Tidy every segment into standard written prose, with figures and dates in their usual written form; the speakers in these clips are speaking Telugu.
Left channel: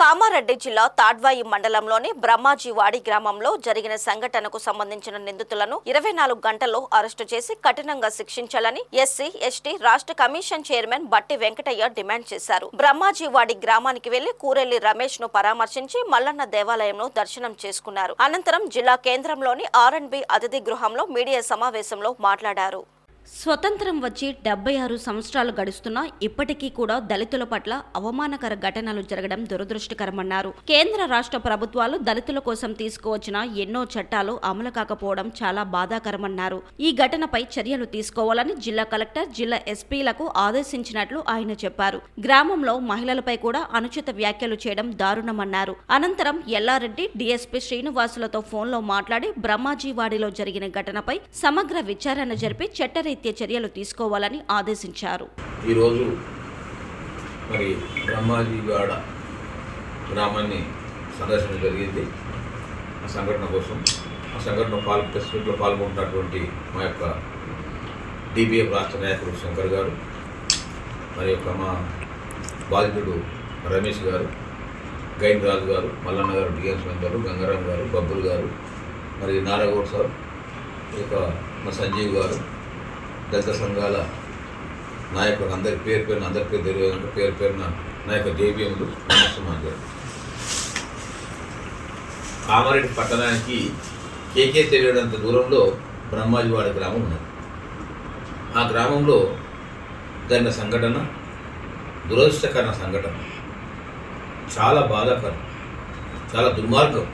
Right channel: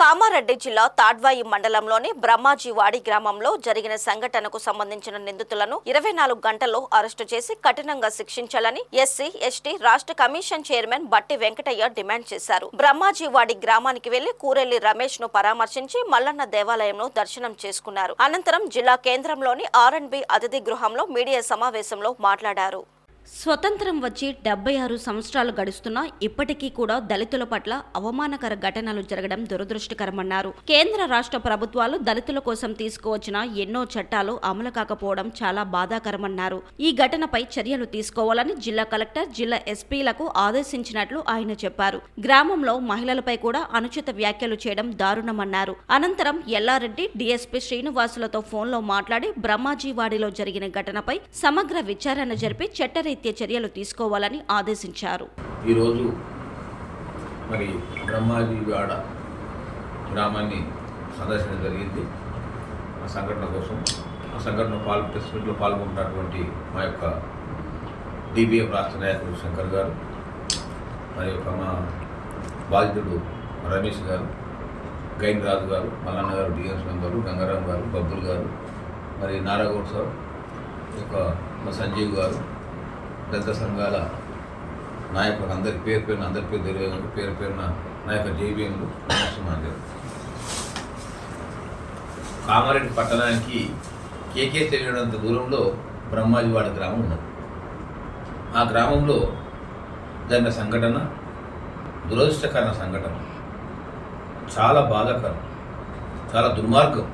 కామారెడ్డి జిల్లా తాడ్వాయి మండలంలోని బ్రహ్మాజీవాడి గ్రామంలో జరిగిన సంఘటనకు సంబంధించిన నిందితులను 24 గంటల్లో అరెస్టు చేసి కఠినంగా శిక్షించాలని ఎస్సీ ఎస్టీ రాష్ట్ర కమిషన్ చైర్మన్ బట్టి వెంకటయ్య డిమాండ్ చేశారు. బ్రహ్మాజీవాడి గ్రామానికి వెళ్లి కూరెల్లి రమేష్ ను పరామర్శించి మల్లన్న దేవాలయంలో దర్శనం చేసుకున్నారు. అనంతరం జిల్లా కేంద్రంలోని R&B అతిథి గృహంలో మీడియా సమావేశంలో మాట్లాడారు. స్వతంత్రం వచ్చి 76 సంవత్సరాలు గడుస్తున్నా ఇప్పటికీ కూడా దళితుల పట్ల అవమానకర ఘటనలు జరగడం దురదృష్టకరమన్నారు. కేంద్ర రాష్ట్ర ప్రభుత్వాలు దళితుల కోసం తీసుకువచ్చిన ఎన్నో చట్టాలు అమలు కాకపోవడం చాలా బాధాకరమన్నారు. ఈ ఘటనపై చర్యలు తీసుకోవాలని జిల్లా కలెక్టర్, జిల్లా ఎస్పీలకు ఆదేశించినట్లు ఆయన చెప్పారు. గ్రామంలో మహిళలపై కూడా అనుచిత వ్యాఖ్యలు చేయడం దారుణమన్నారు. అనంతరం ఎల్లారెడ్డి, డీఎస్పీ శ్రీనివాసులతో ఫోన్లో మాట్లాడి బ్రహ్మాజీవాడిలో జరిగిన ఘటనపై సమగ్ర విచారణ జరిపి చట్టరీత్యా చర్యలు తీసుకోవాలని ఆదేశించారు. ఈరోజు మరి బ్రహ్మాజీవాడ గ్రామాన్ని సందర్శన జరిగింది. ఆ సంఘటన కోసం ఆ సంఘటన ప్రెస్ మీట్లో పాల్గొంటున్నటువంటి మా యొక్క DBF రాష్ట్ర నాయకుడు శంకర్ గారు, మరి యొక్క మా బాధితుడు రమేష్ గారు, గైన్ రాజు గారు, మల్లన్న గారు, DMS మెంబరు గంగారాం గారు, బబ్బులు గారు, మరి నారాగౌడ్ సార్, ఈ యొక్క మా సంజీవ్ గారు, దళిత సంఘాల నాయకులు అందరి పేరు తెలియదు, పేరున నా యొక్క JBMలు నమస్కారం. కామారెడ్డి పట్టణానికి కేకే తెలియడంత దూరంలో బ్రహ్మాజీవాడ గ్రామం ఉన్నది. ఆ గ్రామంలో జరిగిన సంఘటన దురదృష్టకర సంఘటన, చాలా బాధాకరం, చాలా దుర్మార్గం.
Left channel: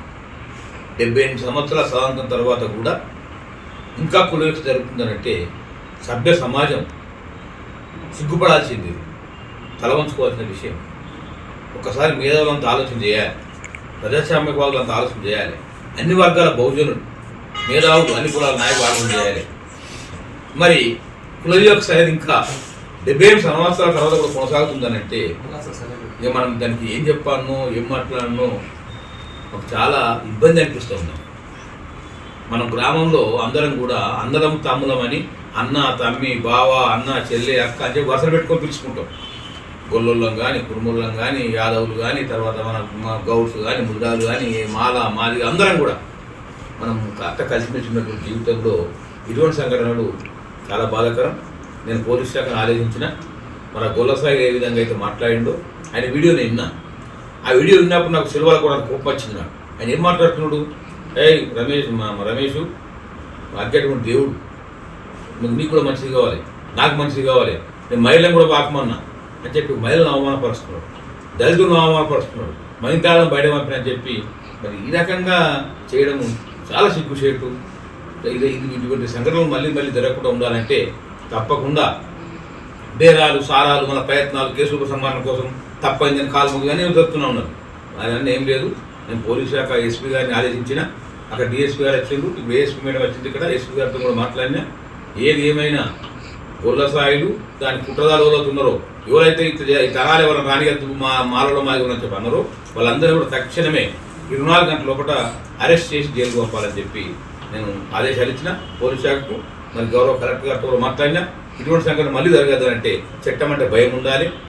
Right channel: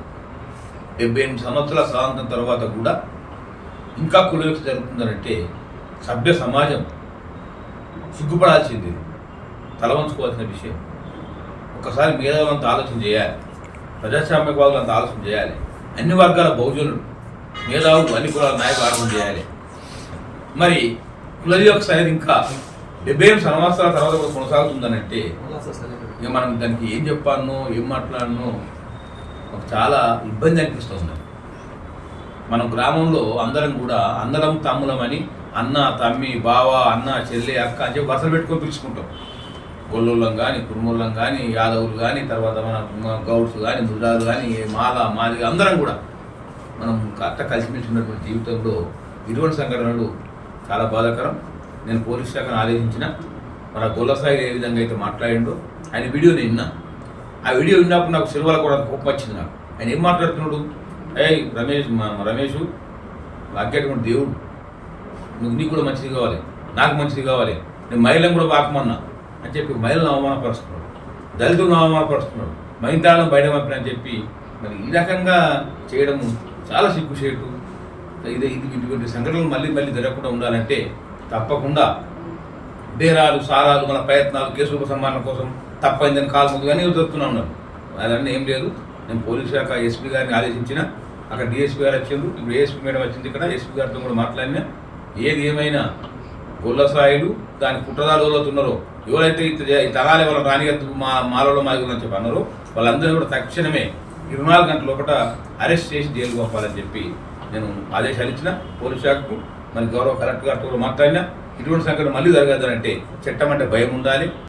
78 సంవత్సరాల స్వాతంత్రం తర్వాత కూడా ఇంకా కులవిక్ష జరుగుతుందనంటే సభ్య సమాజం సిగ్గుపడాల్సింది, తలవంచుకోవాల్సిన విషయం. ఒకసారి మేధావులంతా ఆలోచన చేయాలి, ప్రజాస్వామ్యవాదులంతా ఆలోచన చేయాలి, అన్ని వర్గాల బహుజనులు, మేధావులు, అన్ని కులాల నాయకులు ఆలోచన చేయాలి. మరి కులవివక్ష అనేది ఇంకా 78 సంవత్సరాల తర్వాత కూడా కొనసాగుతుందనంటే ఇక మనం దానికి ఏం చెప్పాలనో ఏం మాట్లాడనో మాకు చాలా ఇబ్బంది అనిపిస్తుంది. మనం గ్రామంలో అందరం తమ్ములమని అన్న, తమ్మి, బావ, అన్న, చెల్లి, అక్క అని చెప్పి వరుసలు పెట్టుకొని పిలుచుకుంటాం. గొల్లోళ్ళం కానీ, కురుమూళ్ళం కానీ, యాదవులు కానీ, తర్వాత మన గౌడ్స్ కానీ, ముద్రాలు కానీ, మాది అందరం కూడా మనం కలిసిమెలిసి ఉన్నటువంటి జీవితంలో ఇటువంటి సంఘటనలు చాలా బాధాకరం. నేను పోలీస్ శాఖను ఆదేశించిన మన గొల్లసాయి ఏ విధంగా అయితే మాట్లాడిండో ఆయన వీడియో నేను విన్నా. ఆ వీడియో విన్నప్పుడు నాకు సిల్వర్ కూడా కోపం వచ్చింది. నాకు ఆయన ఏం మాట్లాడుతున్నాడు, రమేష్ అగ్గేటువంటి దేవుడు, నీకు కూడా మంచిది కావాలి, నాకు మంచిది కావాలి, నేను మహిళలను కూడా పాకమన్నా అని చెప్పి మహిళలను అవమానపరుస్తున్నాడు, దళితులను అవమానపరుస్తున్నాడు, మహిళలను బయట పంపిన అని చెప్పి మరి ఈ రకంగా చేయడం చాలా సిగ్గుచేటు. ఇటువంటి సంఘటనలు మళ్ళీ జరగకుండా ఉండాలంటే తప్పకుండా బేరాలు, సారాలు, మన ప్రయత్నాలు, కేసుల ఉపసంహరణ కోసం తప్పైందని కాలు ముగ్గు కానీ జరుపుతూనే ఉన్నారు. అదన్నీ ఏం లేదు. నేను పోలీస్ శాఖ SP గారిని ఆదేశించిన, అక్కడ DSP గారు వచ్చిండ్రు, ఇప్పుడు ASP మేడం వచ్చింది, ఇక్కడ SP గారితో కూడా మాట్లాడినా. ఏది ఏమైనా గొల్లసాయిలు దాని కుట్రదాలు ఎవరైతున్నారో, ఎవరైతే ఈ తరాలు ఎవరైనా రానిగద్దు మాలలో మాది ఉందని చెప్పి అన్నారో వాళ్ళందరూ కూడా తక్షణమే 24 గంటల లోపల అరెస్ట్ చేసి జైలు పంపాలని చెప్పి నేను ఆదేశాలు ఇచ్చిన పోలీస్ శాఖకు. మరి గౌరవ కలెక్టర్ గారితో కూడా మాట్లాడినా. ఇటువంటి సంఘటన మళ్ళీ జరగదంటే చట్టం అంటే భయం ఉండాలి.